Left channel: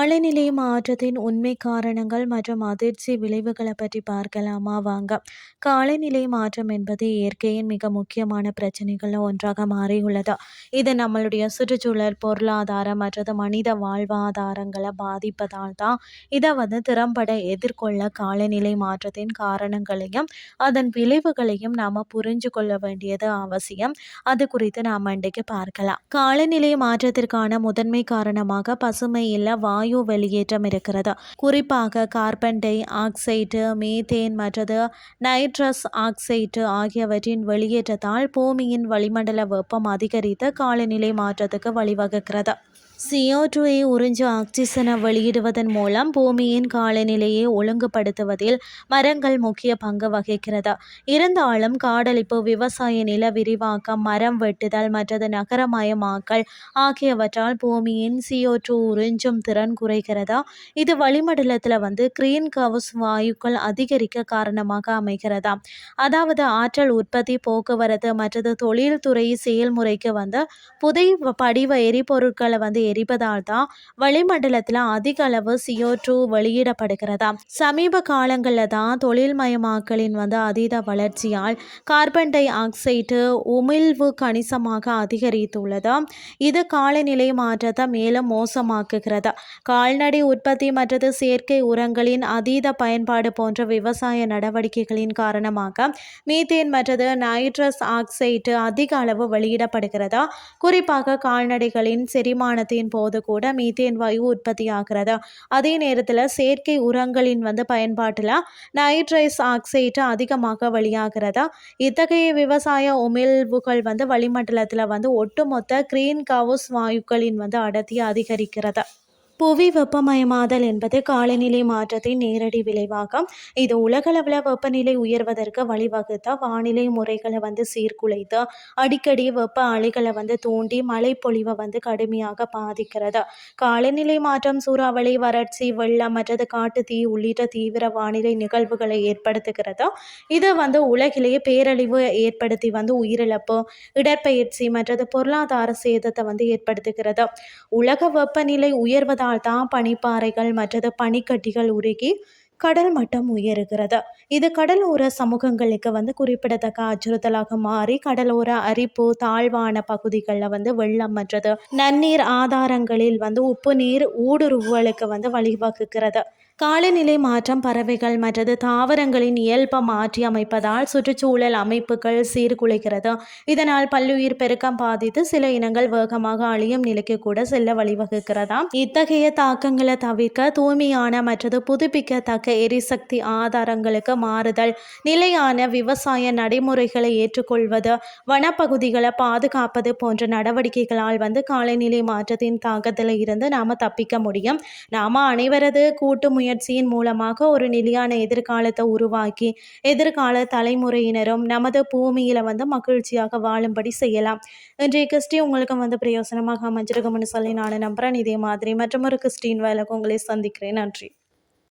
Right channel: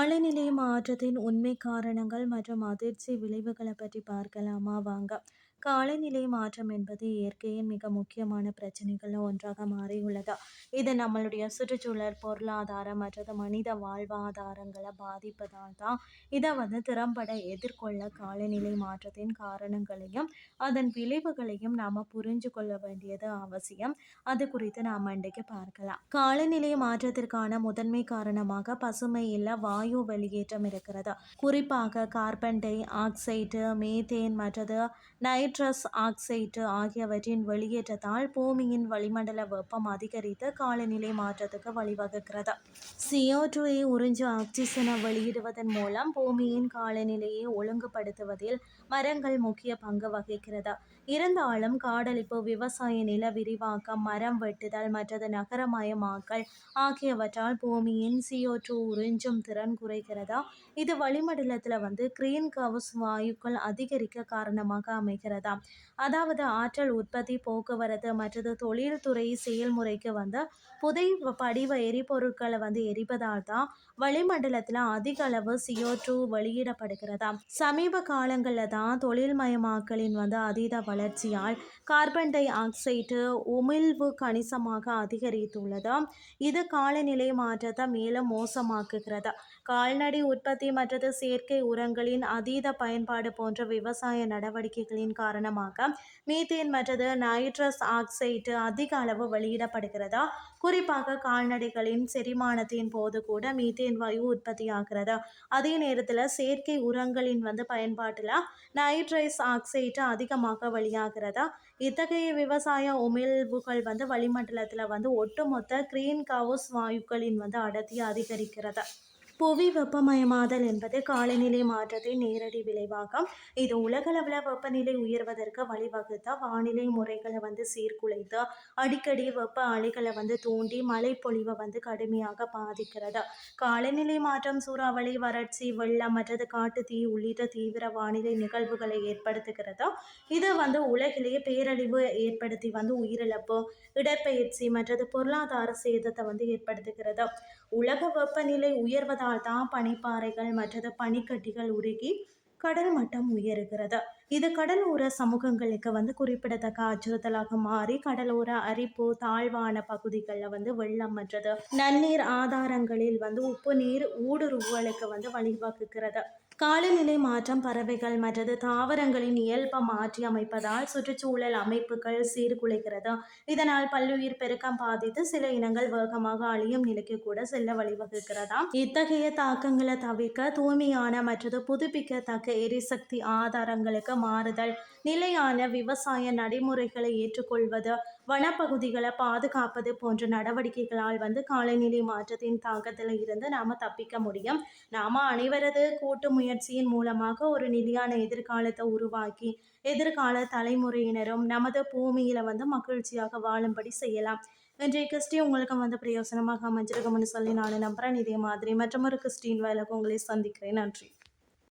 காலநிலை மாற்றத்தின் உண்மை காரணங்கள் மற்றும் அதிர்ச்சி விளைவுகளை பற்றி பார்க்கலாமா? வாங்க. காலநிலை மாற்றம் என்பது இயற்கையின் மிக முக்கியமான பிரச்சனைகளில் ஒன்றாக மாறியுள்ளது. இது நம்மளுடைய சுற்றுச்சூழல் பொருளாதாரம் மற்றது மனித வாழ்வாதாரங்களை பாதிப்பதால் தான் இதை வந்து திறம்பட எதிர்கொள்ள காலநிலை மாற்றத்தின் காரணங்களையும் அதன் விளைவுகளையும் நாம் புரிஞ்சு கொள்ள வேண்டியது அவசியம். அது குறித்து நாம் இன்றைக்கு பார்க்கலாம். காலநிலை மாற்றத்திற்கான முதன்மை காரணமாக பசுமை இல்லை வாயு வெளியேற்றம் இருக்கிறது. குறிப்பாக கார்பன் டை ஆக்சைடு மீத்தேன் மற்றது நைட்ரஸ் ஆக்சைடு ஆகியவற்றின் வெளியேற்றத்தால் பூமியின் வளிமண்டல வெப்பம் அதிகரித்து காலநிலை மாற்றத்துக்கு வழிவகுக்கிறது. சிஓ டூயை உறிஞ்சு ஆக்சிஜனை வெளியிடுவதன் மூலம் பூமியின் காலநிலையை ஒழுங்குபடுத்துவதில் மரங்கள் முக்கிய பங்கு வகிக்கிறது. இருந்தாலும் காடழிப்பு விவசாய நில விரிவாக்கம் மரம் வெட்டுதல் மற்றது நகரமயமாக்கல் ஆகியவற்றால் பூமியின் சிஓ டூ உறிஞ்சும் திறன் குறைகிறதா? இது வளிமண்டலத்தில் வந்து கிரீன் கவுஸ் வாயுக்கள் அதிகரிக்க காரணமாக அமைகிறதா? அதாவது ஆற்றல் உற்பத்தி போக்குவரத்து மற்றது தொழில்துறை செயல்முறைக்கு வந்து புதை படிவ எரிபொருட்களை வந்து எரிப்பதால் தான் வளிமண்டலத்தில் அதிக அளவு சிஓ டூ வெளியிடப்படுகிறதா? சமீப காலங்களில் தான் தொழில்மயமாக்கலின் வந்து அதீத வளர்ச்சியால் கார்பன் டை ஆக்சைடு உமிழ்வு கணிசமாக அதிகரித்துள்ளது? இது காலநிலை மாற்றத்தை மேலும் மோசமாக்குகிறது? கால்நடை உற்பத்தி மற்றது செயற்கை உரங்களின் அதீத பயன்பாடு போன்ற விவசாய நடவடிக்கைகளின் காரணமாக மீத்தேன் மற்றது நைட்ரஸ் ஆக்சைடு அதிக அளவு வெளியிடப்படுகிறதா? குறிப்பாக கால்நடைகளின் செரிமானத்தின் போது கூட மீத்தேன் வாயு உற்பத்தி ஆகிறது. அதே நேரத்தில் செயற்கை உரங்களின் வந்து பயன்பாட்டில் நைட்ரைஸ் ஆக்சைடு அதிகமாக வெளியாகிறதா? இத்தகைய விவசாய உமிழ்வுகள் வந்து வளிமண்டலத்தில் வந்து ஒட்டுமொத்த கிரீன் கவுஸ் வாயுக்களின் வந்து அடர்த்தி அதிகரிக்கிறது? புவி வெப்பமயமாதல் என்பது காலநிலை மாற்றத்தின் நேரடி விளைவாகும். இது உலகளவில் வெப்பநிலை உயர்வதற்கு வழிவகுத்த வானிலை முறைகளை வந்து சீர்குலைத்து அடிக்கடி வெப்ப அலைகளை வந்து தூண்டி மழை பொழிவை வந்து கடுமையாக பாதிக்கிறது? காலநிலை மாற்றம் சூறாவளி வறட்சி வெள்ளம் மற்றது காட்டு தீ உள்ளிட்ட தீவிர வானிலை நிகழ்வுகளை ஏற்படுத்துகிறது? இது வந்து உலகிலேயே பேரழிவு ஏற்படுத்தி வந்து உயிரிழப்பு இடற்பெயர்ச்சி மற்றது பொருளாதார சேதத்தை வந்து ஏற்படுத்துகிறது? உலக வெப்பநிலை உயர்வதால் தான் பனிப்பாறைகள் மற்றது பனிக்கட்டிகள் உருகி கடல் மட்டம் உயருகிறது. இது கடலோர சமூகங்களுக்கு வந்து குறிப்பிடத்தக்க அச்சுறுத்தலாக மாறி கடலோர அரிப்பு தாழ்வான பகுதிகளில் வந்து வெள்ளம் மற்றது நன்னீர் ஆதாரங்களில் வந்து உப்பு நீர் ஊடுருவலுக்கு வந்து வழிவகுக்கிறது. காலநிலை மாற்றம் பறவைகள் மற்றது தாவரங்களின் இயல்பை மாற்றி அமைப்பதால் சுற்றுச்சூழல் அமைப்புகள் சீர்குலைகிறது. இதனால் பல்லுயிர் பெருக்கம் பாதித்து சில இனங்கள் வேகமாக அழியும் நிலைக்கு கூட செல்ல வழிவகுக்கிறதா? இத்தகைய தாக்கங்களை தவிர்க்க தூய்மையான மற்றது புதுப்பிக்கத்தக்க எரிசக்தி ஆதாரங்களுக்கு மாறுதல் நிலையான விவசாய நடைமுறைகளை ஏற்றுக்கொள்வது வனப்பகுதிகளை பாதுகாப்பது போன்ற நடவடிக்கைகளால் வந்து காலநிலை மாற்றத்தின் தாக்கத்தில் இருந்து நாம் தப்பிக்க முடியும். நாம் அனைவரது கூட்டு முயற்சி முயற்சியின் மூலமாக ஒரு நிலையான எதிர்காலத்தை உருவாக்கி எதிர்கால தலைமுறையினரும் நமது பூமியில் வந்து மகிழ்ச்சியாக வாழும்படி செய்யலாம். இன்றைய கிறிஸ்டி உங்களுக்கு வந்து பிரயோசனமாக அமைஞ்சிருக்கும்னு சொல்லி நான் நம்புகிறேன் இதே மாதிரி மற்றும் ஒரு கிறிஸ்டின் வேலைக்கு உங்களை சந்திக்கிறேன். நன்றி.